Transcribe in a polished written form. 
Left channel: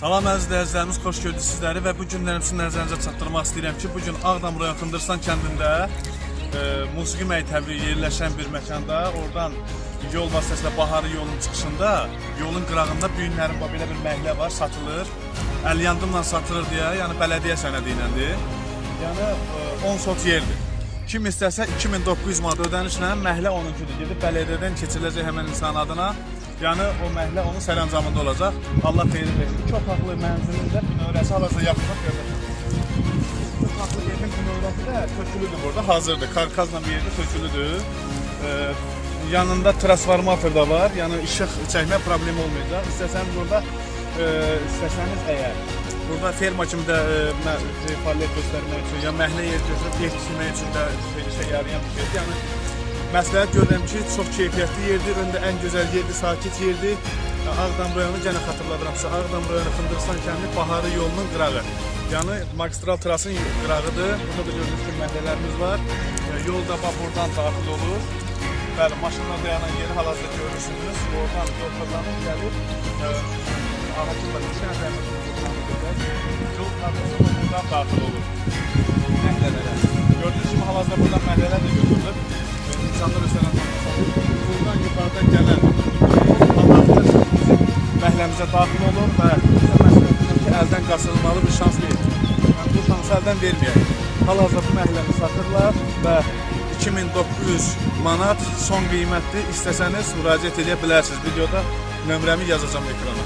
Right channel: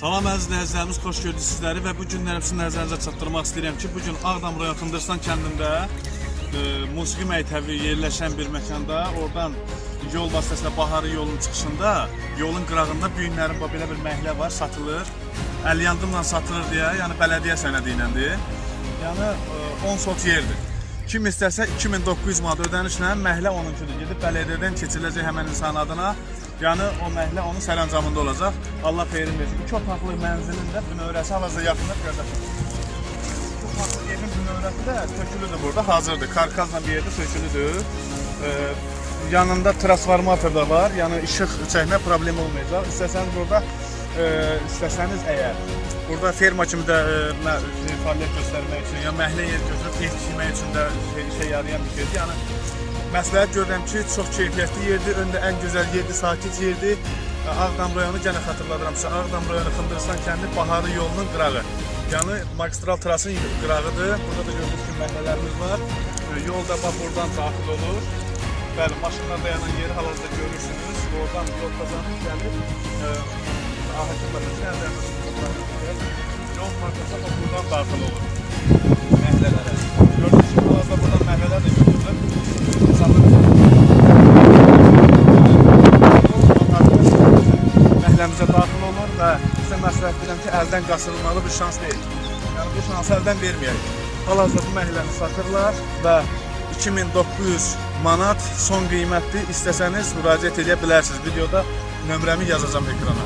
Salam əziz izləyicilərimiz, xoş gördük sizləri və bu günlərim sizin nəzərinizə çatdırmaq istəyirəm ki, bu gün Ağdam rayon Xındırstan kəndində musiqi məktəbi yerləşən bir məkanda, oradan yol vasitəsilə Baharı yolun çıxışında, yolun qırağında bu günlərin belə bir məhlə var, satılır. 50 yandımla satılır deyə, yəni bələdiyyə sənədi iləndir. Yəni 10 sot yerdir. Kim istəsə 2900 manat ödənişlə məhlə onuncudur. Gedib bələdiyyədən keçiriləcək həmən insan adına. Yəni o məhlə onun sərəncamında olacaq. Allah xeyri versin. 2 otaqlı mənzilin də növrəsi hal-hazırda yaxınlıq gözlətir. 2 otaqlı evin növrəsi də tökülüdür burada, hazırdır. Karkazla bir yerdə tökülüdür. Yanında transformator da var. Yəni işıq çəkmə problemi olmayacaq. İstəsəniz burada, istəsəniz əgər burada ferma kimi də fəaliyyət göstərmək üçün, ya məhlə yeri götürüb ev tikmək üçün də işə yarayan bir şeydir. Yəni məsləhət görürəm ki, çox keyfiyyətli yerdir, öndə ən gözəl yerdir, sakit yerdir. Ağdam rayonu gənə xatırladıram sizə, Ağdam rayonu Xındırstan kəndi Baharı yolunun qırağı. Yəni magistral trasın qırağıdır. Burada da gördüyünüz kimi məhlələrimiz var. Yolda buradan daxil olur. Bəli, maşınlar dayanan yeri hal-hazırda görürsünüz. Oradan yol kazanıb gəlib. Ahəkim var, düşən dərməsinə yol parçası buradan daxil olur məhlələrə. Gördüyünüz kimi hal-hazırda buradan məhlələr də götürülür. Məhləmizə daxil olur və sizə məsləhət edirəm ki, əldən qaçırılmalı bir şans deyil. Yəni bu şansı əldən verməyək. Hal-hazırda bu məhləni satırlar və 2900 manat son qiymətdir. İstəsəniz müraciət edə bilərsiniz. Videoda nömrəmi yazacağım ekrana.